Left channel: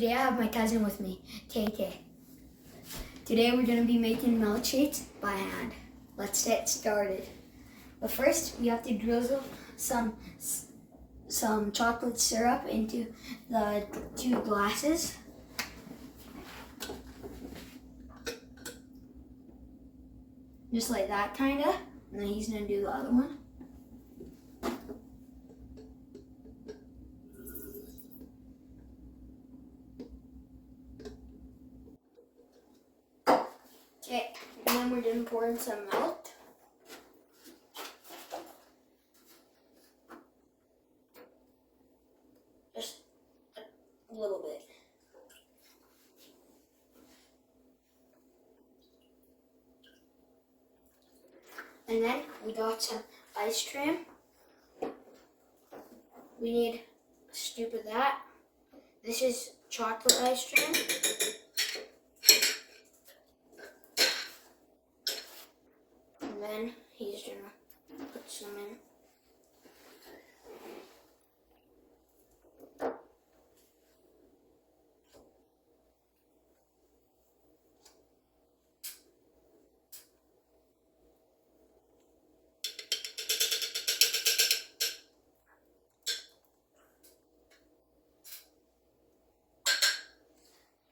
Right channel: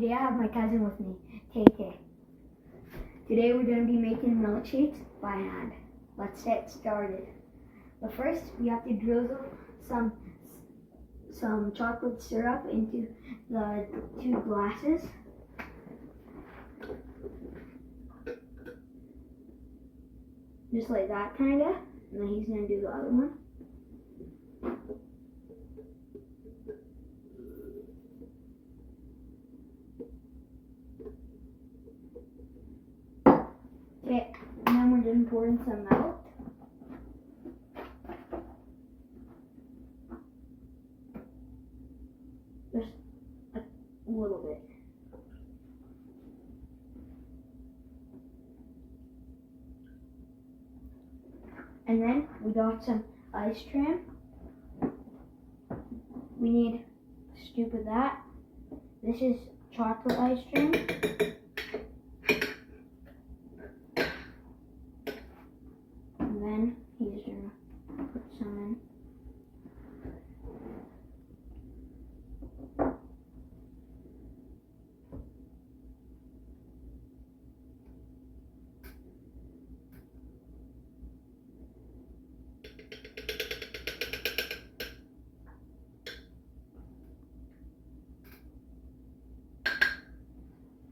Today I have my cousin with me, KK. Today we're going to be making milkshakes by hand. Let's get started. But first we have to drizzle some chocolate syrup into the 2 glasses. Just like that kinda. And then he's going to do the other one. Okay, and then we're going to pour in some milk. Just a little bit. And then we got some ice cream. We need a scoop of that. This is chocolate ice cream. And then he's gonna put some in.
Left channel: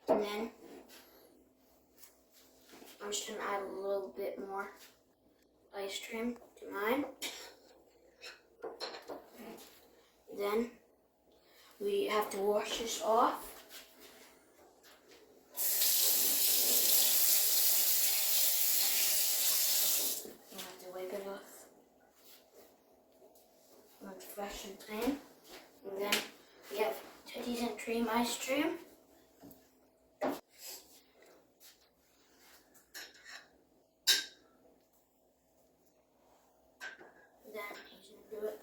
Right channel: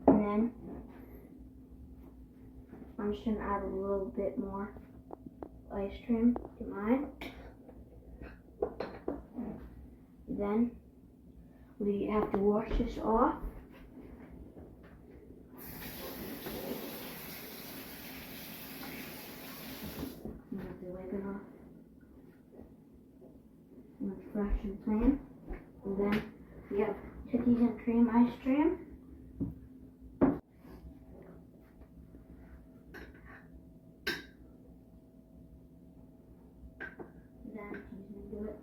And then I'm just gonna add a little bit more ice cream to mine. Then we have to wash this off. You have to wipe it off. When it's fresh and clean. And then we have cookies and cream ice cream. Then he's gonna do it.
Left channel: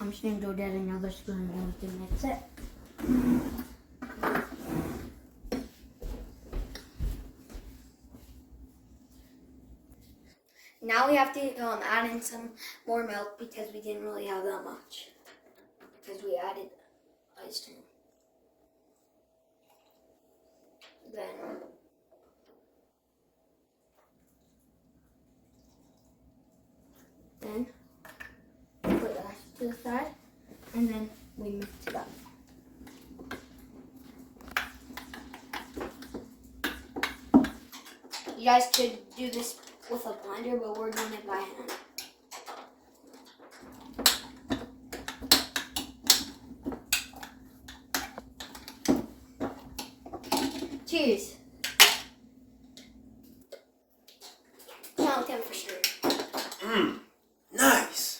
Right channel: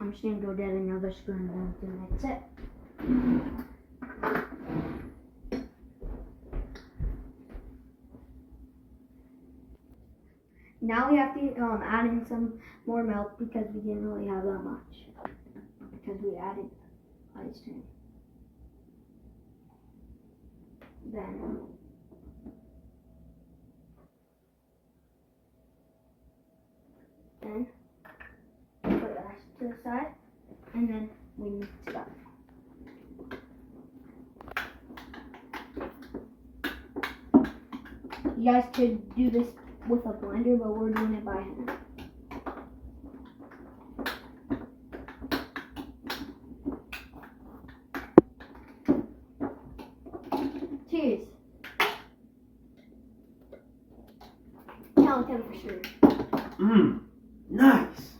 I'm just gonna go get another spoon and we can mix it. Now we have to add in some more milk because we didn't really have that much. Because we added ice cream. Then put that to the side, and then we mix it up. You guys could do this with a blender, but we're doing it by hand. Cheers. Count 10 for sure. Nice.